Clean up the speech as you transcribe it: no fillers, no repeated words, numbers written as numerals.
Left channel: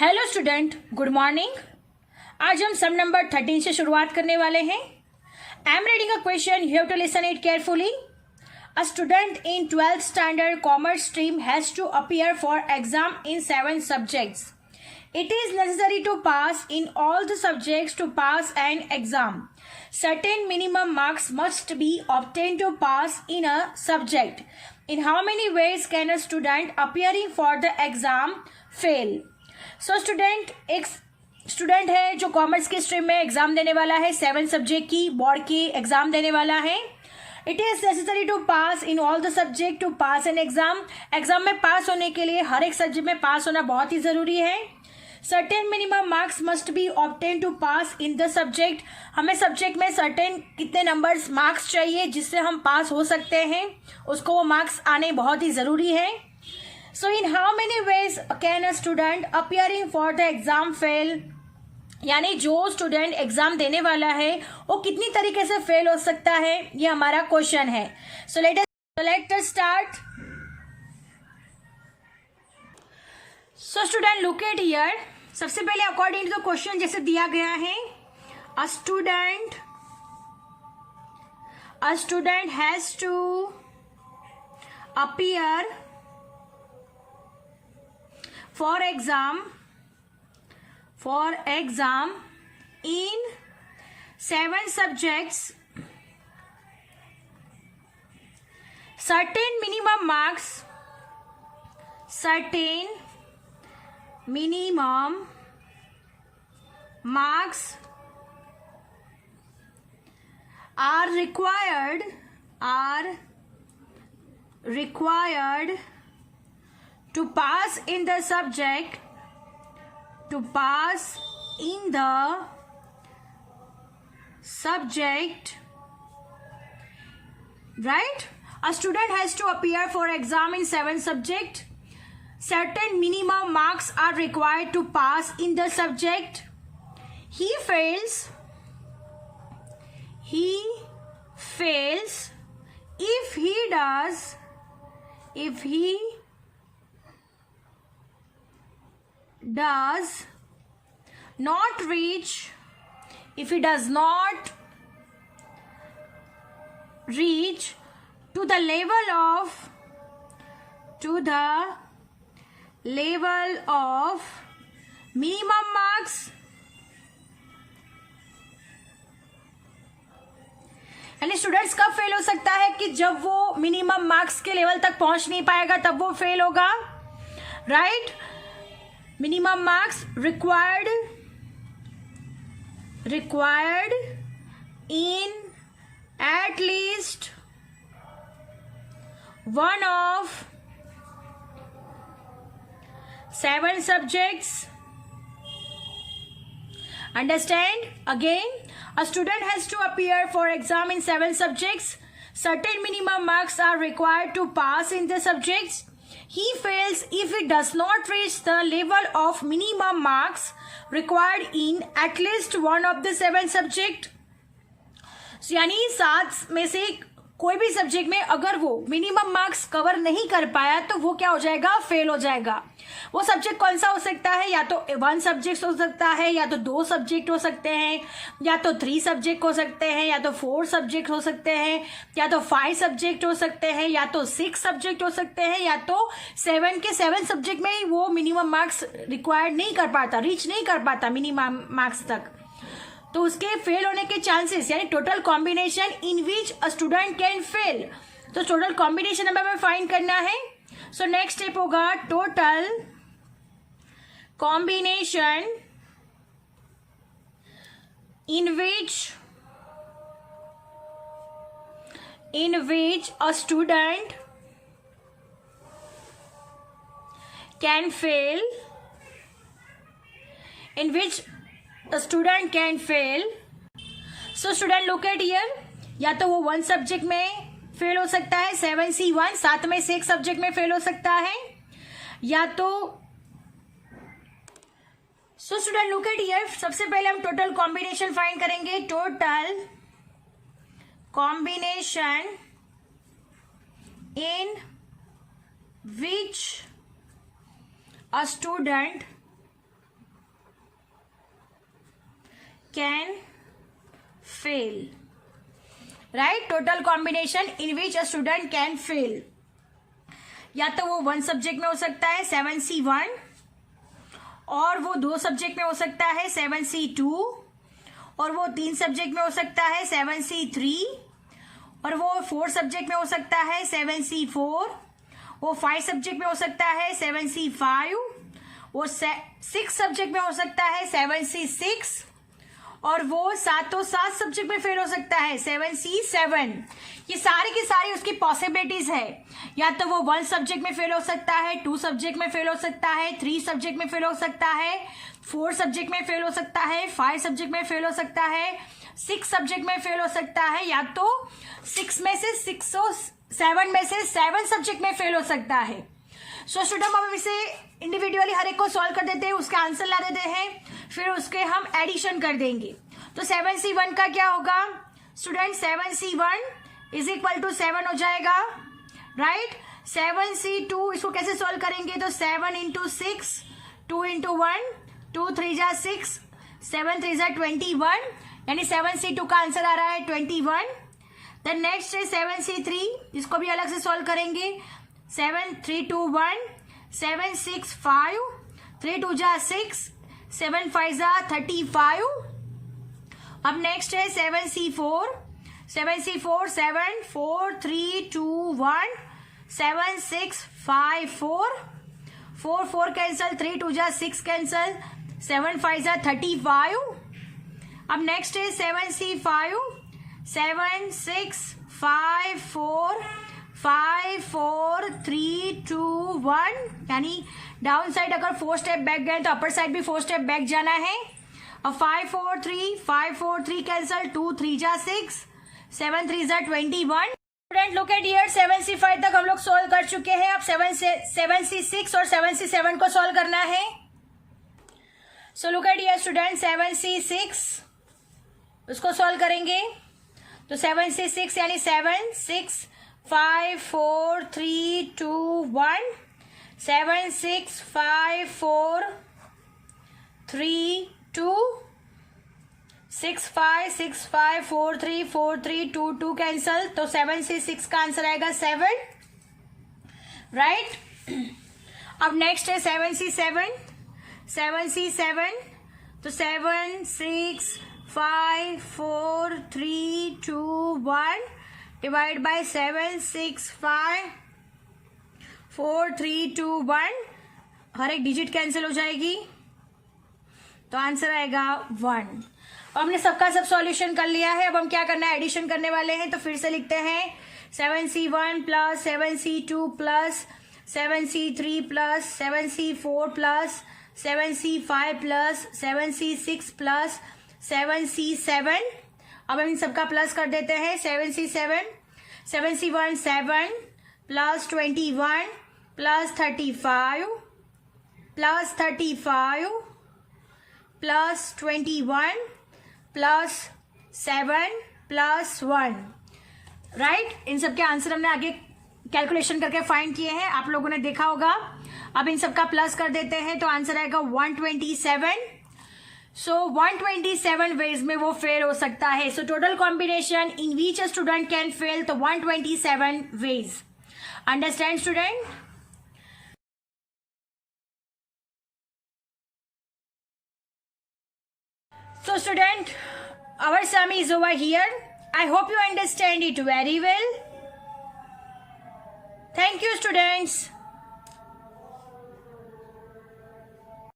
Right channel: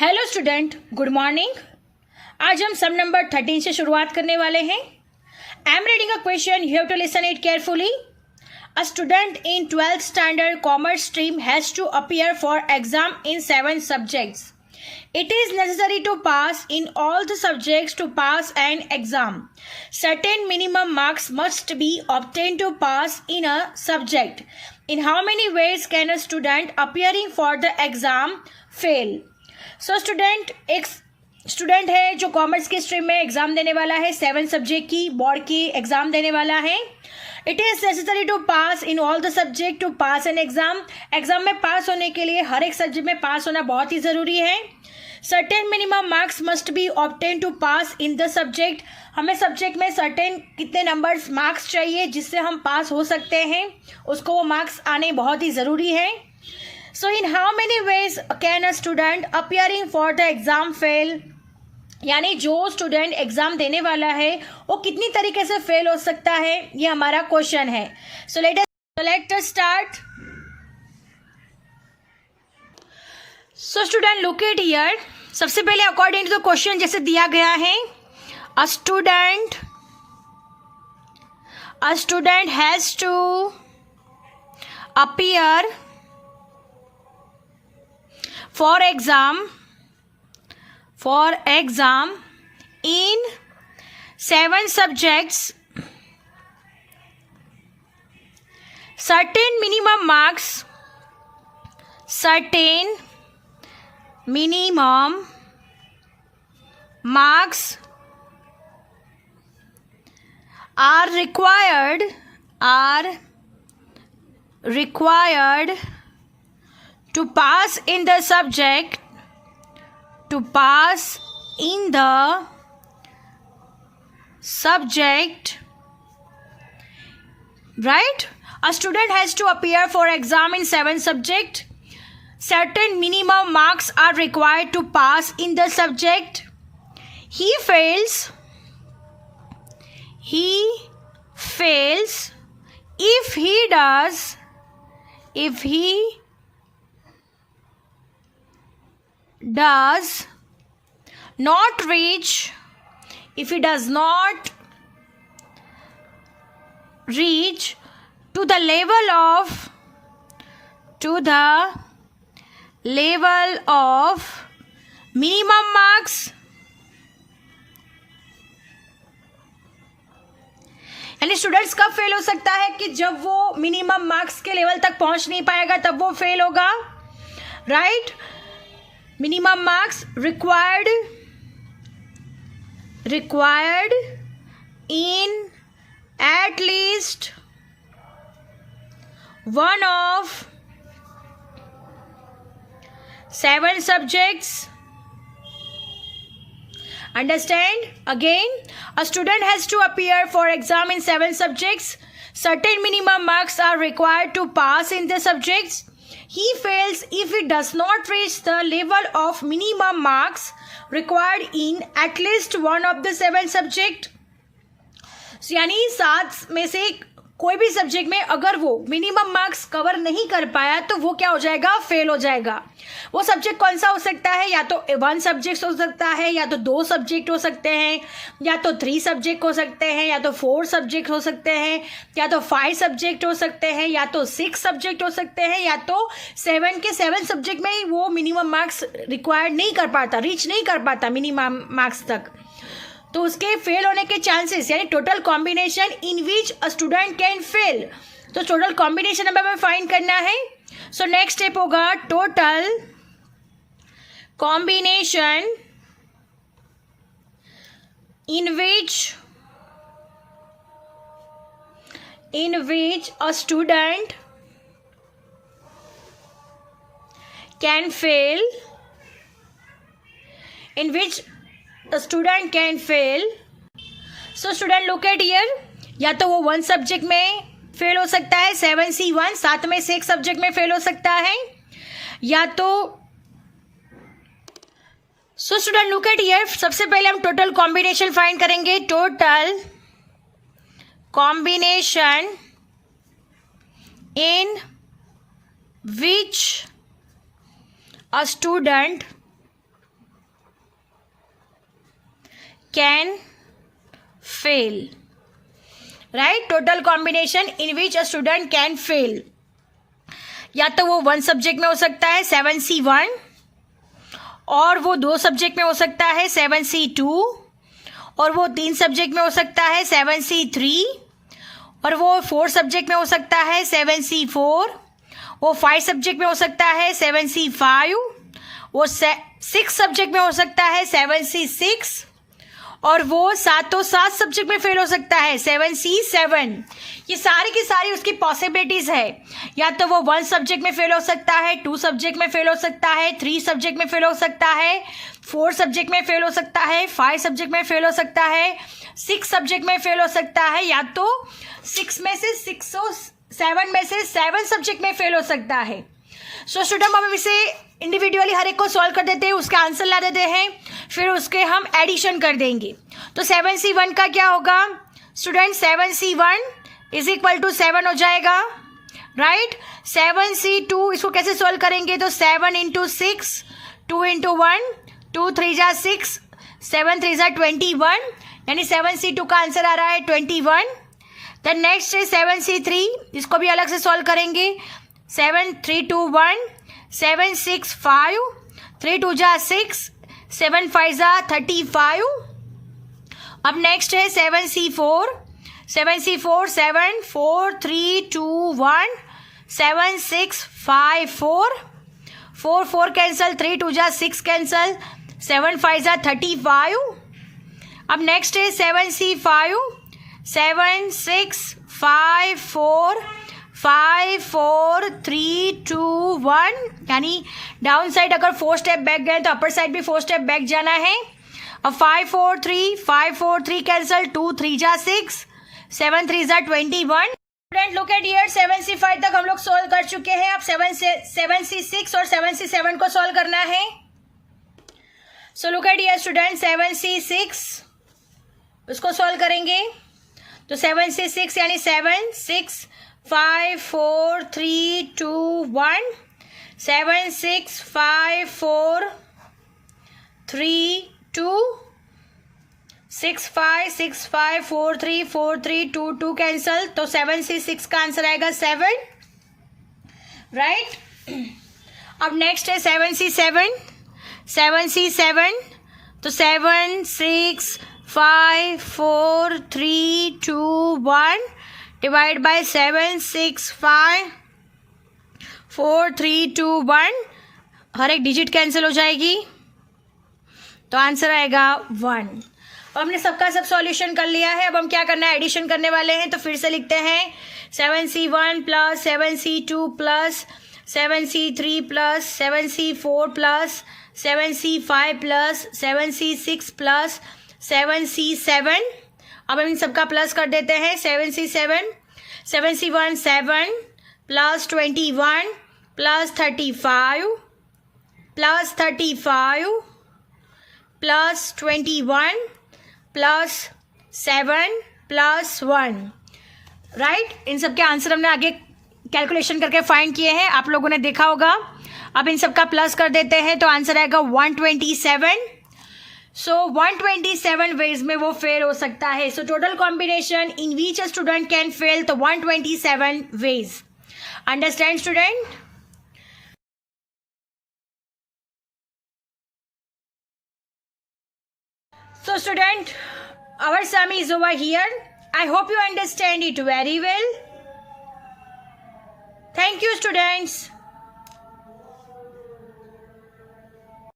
Hello student, good morning. आज हम सम number 13 से शुरुआत करने वाले हैं। I am reading a question, you have to listen it carefully. A student in 12th standard commerce stream has to appear for exam in 7 subjects. It is necessary to pass in all the subjects to pass an exam. Certain minimum marks must be obtained to pass in a subject. In how many ways can a student appearing for the exam fail? So student, एक student है जो commerce के stream में exam देने वाला है, 7 subject की board की एग्जाम देने वाला है। It is necessary to pass in all the subject to pass an exam. Exam में पास होने के लिए हर एक सब्जेक्ट में पास होना बहुत ही ज़रूरी है। Certain minimum marks must be obtain to pass in the subject. हमें सब्जेक्ट में सर्टेन कितने नंबर्स मार्क्स चाहिए जिससे हम पास हो सकते हैं, उसको वो मार्क्स आने बहुत ही ज़रूरी है। So in how many ways can a student appearing for the exam fail, यानी जो स्टूडेंट एग्जाम देने वाला है वो कितनी तरीके से फेल हो सकता है, ये हमारा क्वेश्चन है। So let us start. So student look at here. सबसे पहले अकॉर्डिंग टू द क्वेश्चन जैसे दिया गया है, a student has to appear for exam in 7 subjects. Certain minimum marks are required to pass in the subject, right? A student has to appear for exam in 7 subjects. Certain minimum marks are required to pass in the subject. He fails if he does not reach to the level of minimum marks. यानी students कब fail हो सकता है कि जब वो minimum marks के level तक पहुंच नहीं पाएगा तब वो फेल होगा, right? Minimum marks required in at least one of 7 subjects. Understand? Again, a student has to appear for exam in 7 subjects. Certain minimum marks are required to pass in the subjects. He fails if he does not reach the level of minimum marks required in at least one of the 7 subject. यानी 7 में से कोई भी subject में अगर वो minimum marks cover नहीं कर पाया तो वो क्या हो जाएगा? फेल हो जाएगा। वो सब्जेक्ट कौन सा हो सकता है? या तो 1 सब्जेक्ट हो सकता है, या तो 2 सब्जेक्ट हो सकते हैं, या तो 3 सब्जेक्ट हो सकते हैं, या तो 4 सब्जेक्ट हो सकते हैं, या तो 5 सब्जेक्ट हो सकते हैं, या तो 6 सब्जेक्ट हो सकते हैं, या तो 7 के 7 सब्जेक्ट में ही वो मिनिमम मार्क्स रिक्वायर्ड नहीं कर पाता, रीच नहीं कर पाता मिनिमम मार्क्स तक, तो उसके फेल होने के चांसेस, यानी total combination in which a student can fail. तो टोटल कॉम्बिनेशन हमें फाइंड करना है। सो नेक्स्ट स्टेप होगा total combination in which a student can fail, so student look at here, या तो वो 1 सब्जेक्ट में फेल हो सकता है, 7C1 7 में से एक सब्जेक्ट में फेल हो सकता है, या तो so student look at here. सबसे पहले हम टोटल कॉम्बिनेशन फाइंड करेंगे। Total combination in which a student can fail, right, total combination in which a student can fail, या तो वो 1 सब्जेक्ट में हो सकता है 7C1, और वो 2 सब्जेक्ट में हो सकता है 7C2, और वो 3 सब्जेक्ट में हो सकता है 7C3, और वो 4 सब्जेक्ट में हो सकता है 7C4, वो 5 सब्जेक्ट में हो सकता है 7C5, वो 6 सब्जेक्ट में हो सकता है 7C6, और वो 7 सब्जेक्ट में फेल हो सकता है 7C7। ये सारी की सारी उसकी पॉसिबिलिटीज है, या तो वो 1 सब्जेक्ट में फेल हो सकता है, 2 सब्जेक्ट में फेल हो सकता है, 3 सब्जेक्ट में फेल हो सकता है, 4 सब्जेक्ट में फेल हो सकता है, 5 सब्जेक्ट में फेल हो सकता है, 6 सब्जेक्ट में फेल हो सकता है, या तो 6 में से 6 और 7 में से 7 सब्जेक्ट में फेल हो सकता है। सो स्टूडेंट हम इसे इंडिविजुअली हर एक को सॉल्व कर देते हैं, उसका आंसर ला देते हैं, फिर उसके हम एडिशन कर देंगे। तो 7C1 का क्या होगा student, 7C1 is equal to 7 हो जाएगा, राइट। 7C2 इसको कैसे सॉल्व करेंगे, तो 7 इंटू 6, 2 इंटू 1, 2 3 जा 6, 7 3 जा 21, यानी 7C2 का आंसर आ रहा है 21। देन नेक्स्ट है 7C3, इसको भी अलग से सॉल्व करेंगे। 7 3 2 1, 7 6 5, 3 2 जा 6, 7 5 जा 35। अब नेक्स्ट है 7C4, 7C4 7 4 3 2 1, 7 6 5 4, 4 4 कैंसल, 3 2 जा 6 कैंसल, 7 5 जा 35। अब नेक्स्ट है 7C5, 7 6 5 4 5 4 3 2 1, यानी डाउन साइड अगर 4 स्टेप बैक गए तो अपर साइड भी 4 स्टेप बैक जाना है। अब 5 4 3, 5 4 3 कैंसल, 2 3 जा 6, 7 3 जा 21। Student look at here, 7C5 तक हम लोग सोल्व कर चुके हैं, अब 7C6 और 7C7 को सोल्व करना है। So look at here student, 7C6 उसको सोल्व करेंगे, तो 7C6 यानी 7 6 5 4 3 2 1, 7 6 5 4 3 2, 6 5 6 5 4 3 4 3 2 2 कैंसल, तो 7C6 का आंसर आएगा 7, राइट। अब नेक्स्ट है 7C7, 7C7, तो 7 6 5 4 3 2 1 डिवाइड बाय 7 6 5 4 3 2 1, हर एक डिजिट कैंसिल हो जाएगी, तो आंसर आएगा 1। अब हमने सबका सब सॉल्यूशन कर लिया है, अब हम क्या करना है, एडिशन करने वाले हैं। तो फिर से लिखते हैं 7C1 plus 7C2 plus 7C3 plus 7C4 plus 7C5 plus 7C6 plus 7C7। अब हम इन सबका प्लस कर देते हैं। 7C7, 7C1 7 plus 21 plus 35 plus 35 plus 21 plus 7 plus 1, right. इन सब के आंसर हमने आगे कैलकुलेशन करके फाइंड किए हैं, आप लोगों ने देखा होगा। अब इन सब का प्लस कर देते हैं, तो आंसर आएगा 127। सो 127 वेज में वो फेल हो सकता है। So total combination in which a student can fail the 127 ways. Understand student? So student, our sum is over here. I hope you understand it very well. Thank you students.